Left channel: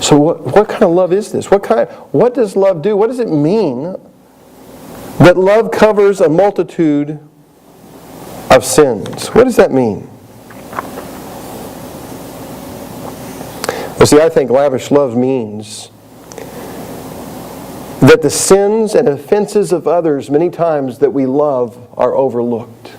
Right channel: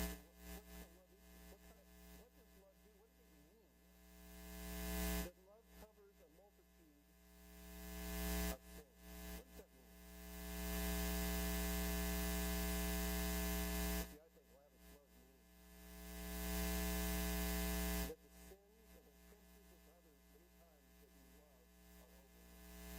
So what kind of love is this? What does love do? What does it mean that love covers a multitude of sins? What does that mean? Well, see, I think lavish love means that the sins and offenses of others, many times that we love, are overlooked.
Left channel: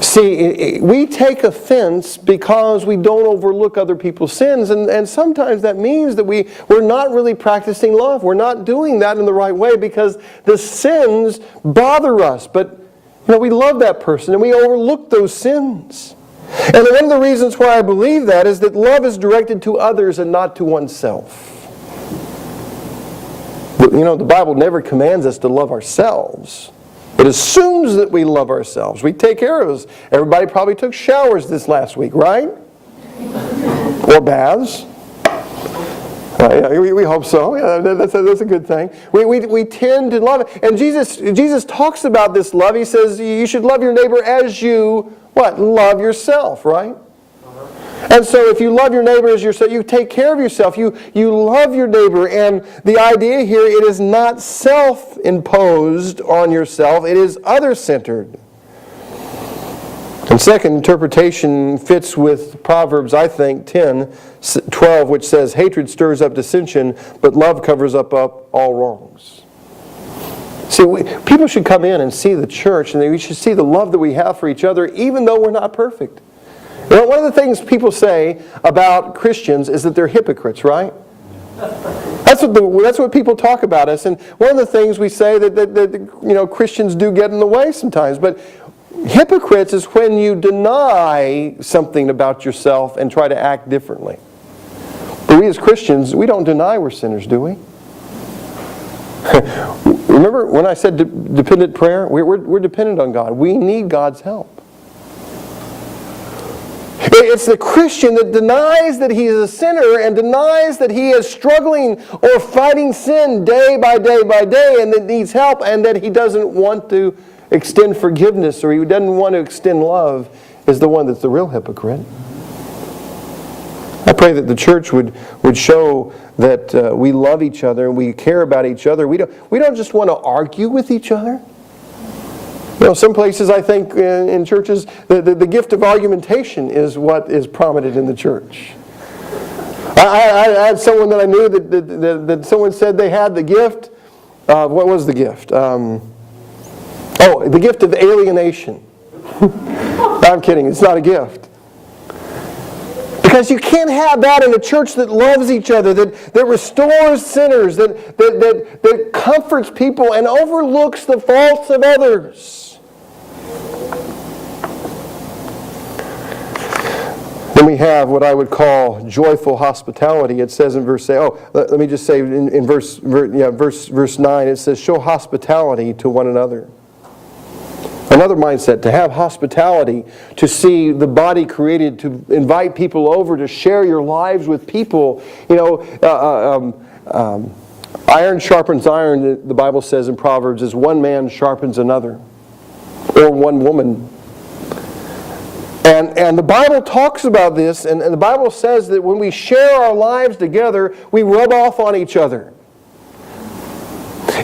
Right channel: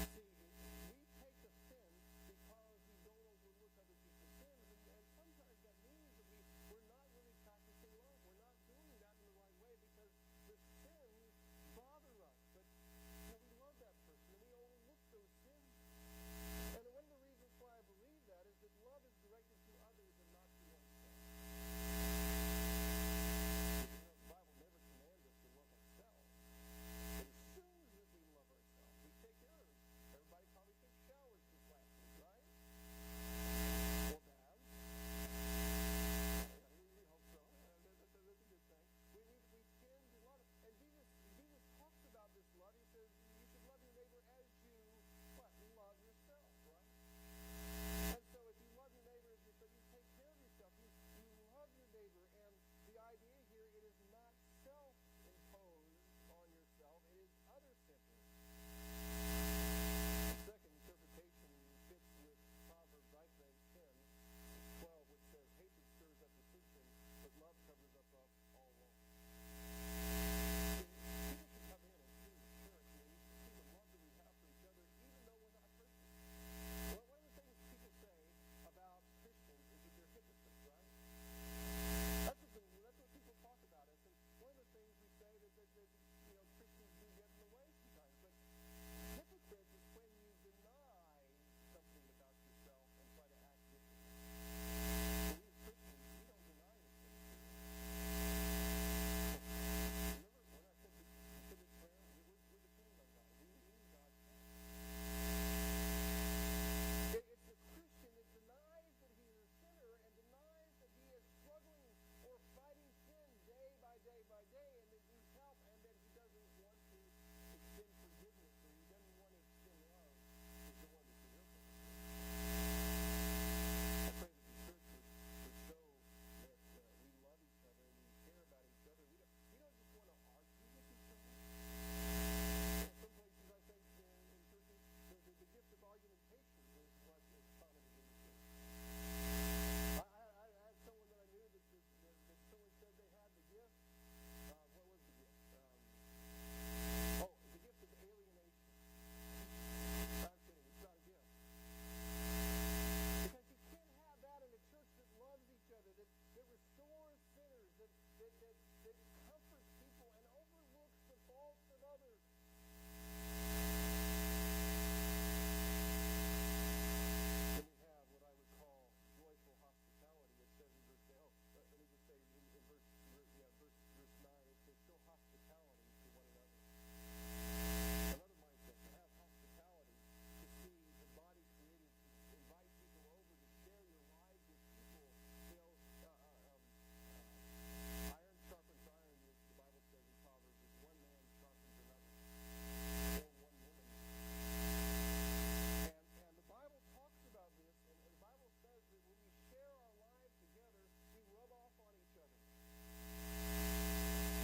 See, we take offense because we don't overlook other people's sins, and sometimes that means that we're not really practicing love. We're not doing that in the right way because the sins bother us. But we love that person and we overlook those sins. And one of the reasons why I believe that is that love is directed to others and not to oneself. The Bible never commands us to love ourselves. It assumes that we love ourselves. We take care of us. Everybody probably took showers this last week, right? Or baths. We hope so. Yeah, that's a good thing. We tend to love it. And Jesus talks about this love. He says you should love your neighbor as you, love yourself, right? And so if you love your neighbor as yourself, you take care of yourself. You love your neighbor. And the idea here, it is not self-imposed on yourself. It is other-centered. And second interpretation fits with Proverbs, I think, 10:12, which says, hatred stirs up dissension, but love covers up all wrongs. See, people should come in and see the church, and we should see the love that we have for each other, even though we're not perfect. One of the things people say about Christians is that they're hypocrites, right? That's what people talk about us. And one of the things we say that Christians do get in the way sometimes. But hypocrites is when you deny something about yourself and try to act differently. But we as Christians, we don't deny we're sinners, do we? Remember when I said dependent prayer? We're dependent on God. We need God's help. It's the Christian that denies that he is a sinner and denies that he is struggling or fighting sin day by day by day and that needs help and that he doesn't want to extend forgiveness or he doesn't want to extend love is the one that's the real hypocrite. I pray that the church would show that we love each other and we care about each other. We don't just want to argue with each other. Some places I think in churches, the gift of argumentation is what is prominent in the church. I had someone that I knew that someone said they had the gift. What was the gift? The gift of alienation. I'm kidding. It's not a gift. Because you can't have that in a church that loves each other, that restores sinners, that comforts people and overlooks the faults of others. Then we have what I would call joyful hospitality. It says in verse 8. Let me just say in verse 9. It says, "Show hospitality to one another." Another mindset, to have hospitality, to see the body created, to invite people over, to share your lives with people. Iron sharpens iron, the Bible says in Proverbs, as one man sharpens another, or one woman. And the Bible talks about this, and the Bible says that when we share our lives together, we rub off on each other.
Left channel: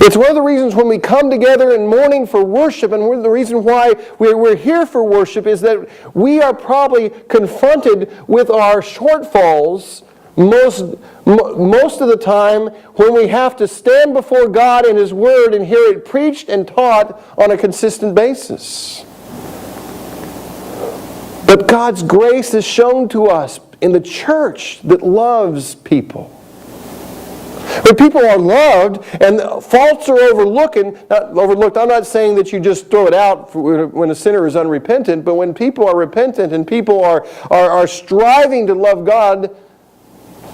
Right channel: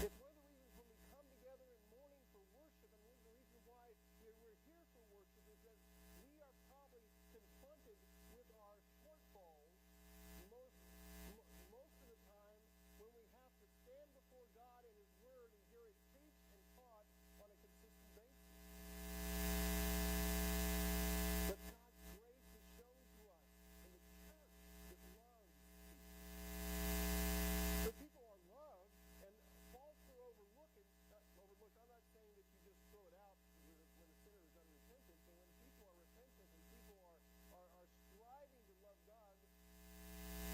It's one of the reasons when we come together in mourning for worship, and one of the reasons why we're here for worship is that we are probably confronted with our shortfalls most of the time when we have to stand before God and His Word and hear it preached and taught on a consistent basis. But God's grace is shown to us in the church that loves people. When people are loved and faults are overlooked, I'm not saying that you just throw it out when a sinner is unrepentant, but when people are repentant and people are striving to love God,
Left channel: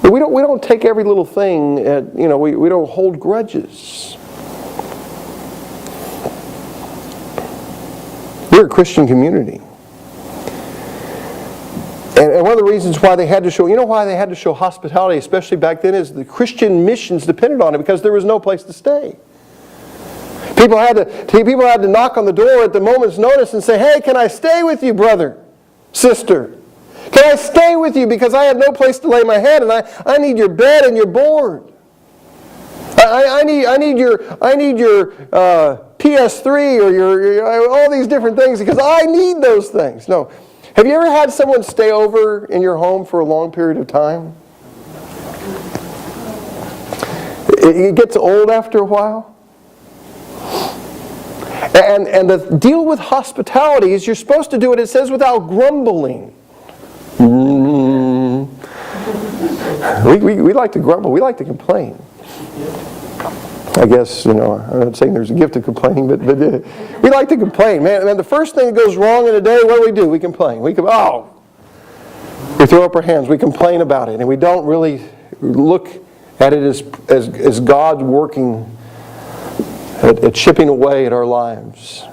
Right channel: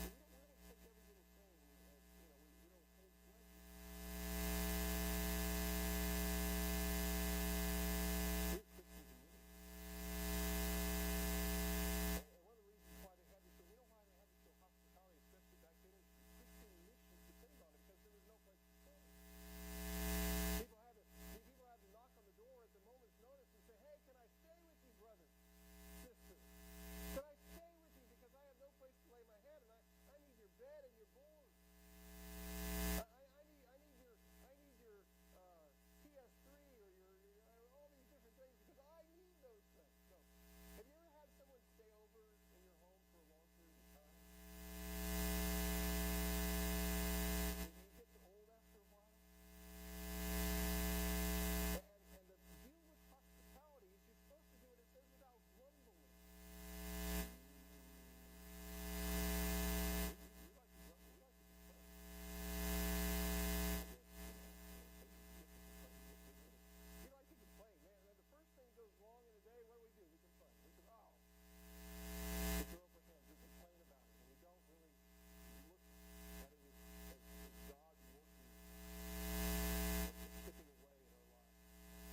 we don't take every little thing, we don't hold grudges. We're a Christian community. And one of the reasons why they had to show hospitality, especially back then, is the Christian missions depended on it because there was no place to stay. People had to knock on the door at the moment's notice and say, "Hey, can I stay with you, brother, sister? Can I stay with you because I have no place to lay my head and I need your bed and your board? I need your PS3 or your all these different things because I need those things. No. Have you ever had someone stay over in your home for a long period of time? It gets old after a while. And the deal with hospitality is you're supposed to do it, it says, without grumbling. We like to grumble. We like to complain. I guess, I'm not saying there's a gift of complaining, but we like to complain. Man, the first thing that goes wrong in a day, what do? We complain. We throw up our hands. We complain about it, and we don't really look at it as God working at chipping away at our lives.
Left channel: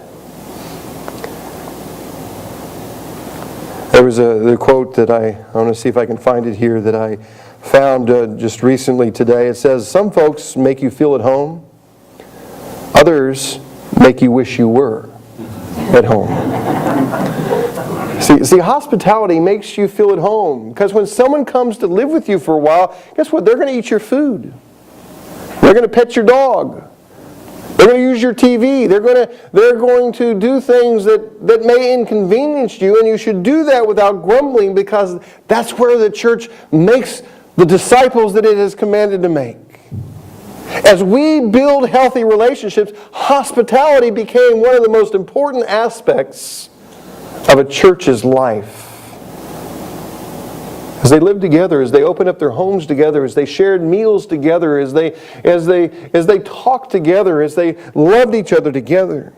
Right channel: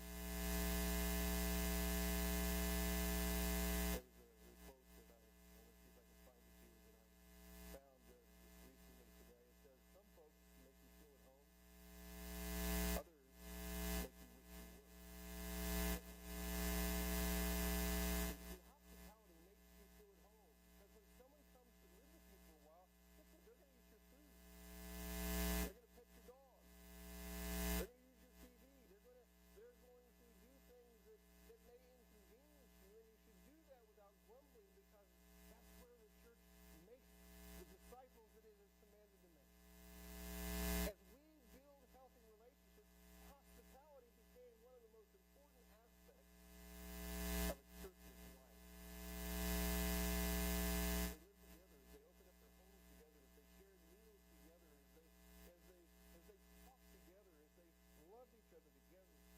There was the quote that I want to see if I can find it here that I found just recently today. It says, "Some folks make you feel at home. Others make you wish you were at home." See, hospitality makes you feel at home. Because when someone comes to live with you for a while, guess what? They're going to eat your food. They're going to pet your dog. They're going to use your TV. They're going to do things that may inconvenience you, and you should do that without grumbling because that's where the church makes the disciples that it has commanded to make. As we build healthy relationships, hospitality became one of the most important aspects of a church's life. As they lived together, as they opened up their homes together, as they shared meals together, as they talked together, as they loved each other together.